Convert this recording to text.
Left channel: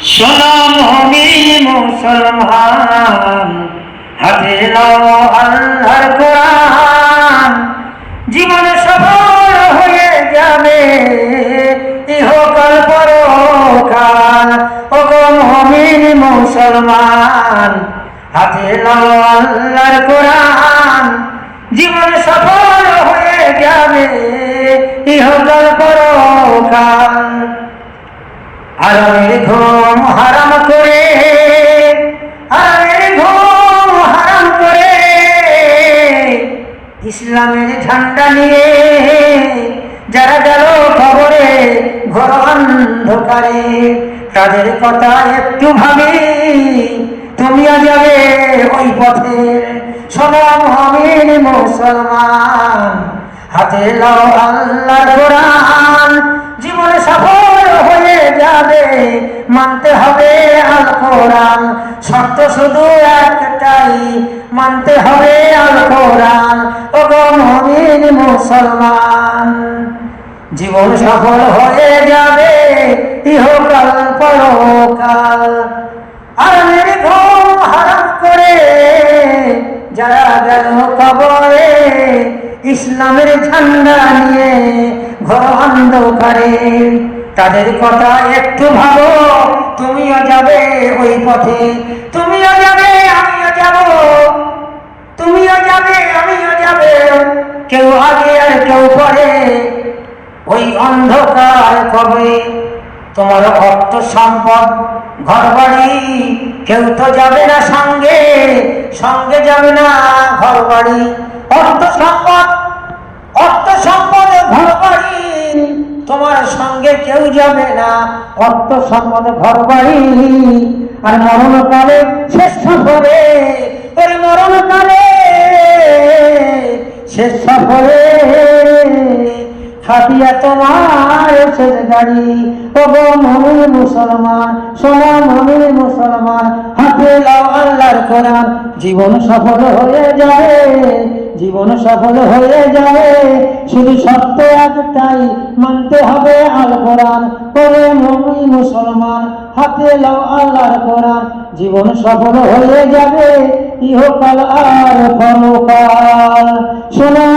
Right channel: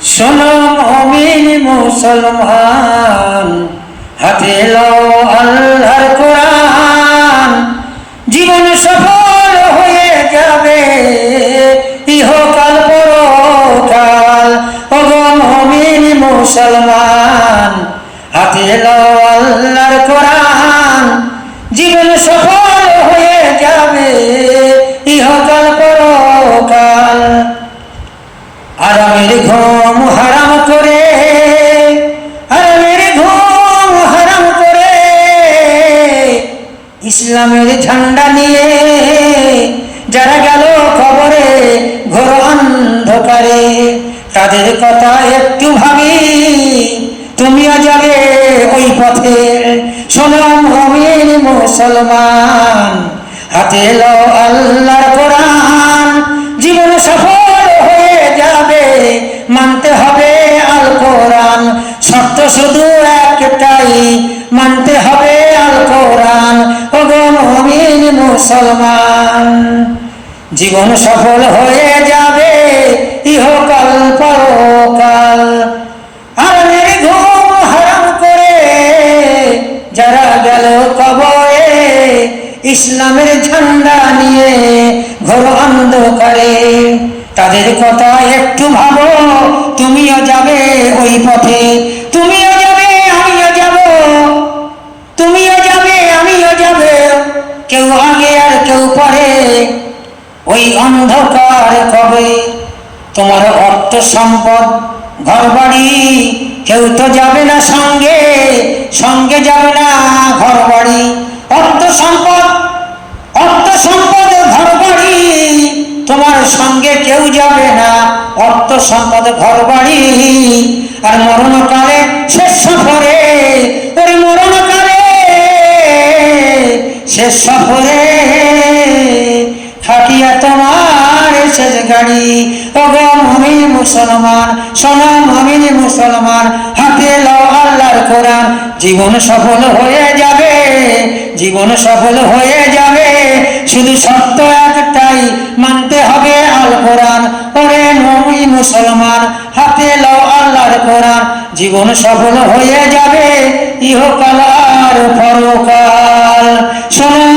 শোনো মুমিন মুসলমান, হাতে লও আল্লাহর কোরআন, জীবন সফল হয়ে যাবে ইহকাল পরকাল। ওগো মুমিন মুসলমান, হাতে লও আল্লাহর কোরআন, জীবন সফল হয়ে যাবে ইহকাল পরকাল। আরামের ঘুম হারাম করে, আরামের ঘুম হারাম করে, ইসলামের ঝান্ডা নিয়ে যারা গেল খবরে ঘোর অন্ধকারে, তাদের কথা একটু ভাবি, তুমিও যাবে ওই পথে। শোনো মুমিন মুসলমান, হাতে লও আল্লাহর কোরআন, জীবন সফল হয়ে যাবে, মানতে হবে আল কোরআন। শর্ত শুধু একটাই, মানতে হবে আল কোরআন। ওগো মুমিন মুসলমান, জীবন সফল হয়ে যাবে ইহকাল পরকাল। আরামের ঘুম হারাম করে যারা গেল কবরে, ইসলামের ঝান্ডা নিয়ে ঘোর অন্ধকারে, তাদের কথা একটু ভাবো, তুমিও যাবে ওই পথে। তুমিও যাবে আমিও যাব, তুমিও যাবে আমিও যাব, কেউ আগে আর কেউ পরে ওই অন্ধকার কবে। তোমার অর্থ সম্পদ ঘর বাড়ি, কেউ তো যাবে না সঙ্গে, সঙ্গে যাবে না ঘর বাড়ি। অর্থ সম্পদ, অর্থ সম্পদ ঘর বাড়ি, তোমার সঙ্গে কেউ যাবে না, অর্থ সম্পদ ঘর বাড়ি। আর মরণকালে শেষ সফরে, ওই মরণকালে শেষ সফরে খাটিয়া তোমার শেষ গাড়ি। ওগো মুমিন মুসলমান, শোনো মুমিন মুসলমান, হাতে লও আল্লাহর কোরআন, জীবন সফল হয়ে যাবে, জীবন সফল হয়ে যাবে। শুধু শর্ত একটাই, মানতে হবে আল কোরআন। ওরে মুমিন মুসলমান, হাতে লও আল্লাহর কোরআন, জীবন সফল হয়ে যাবে ইহকাল আর পরকাল। শোনো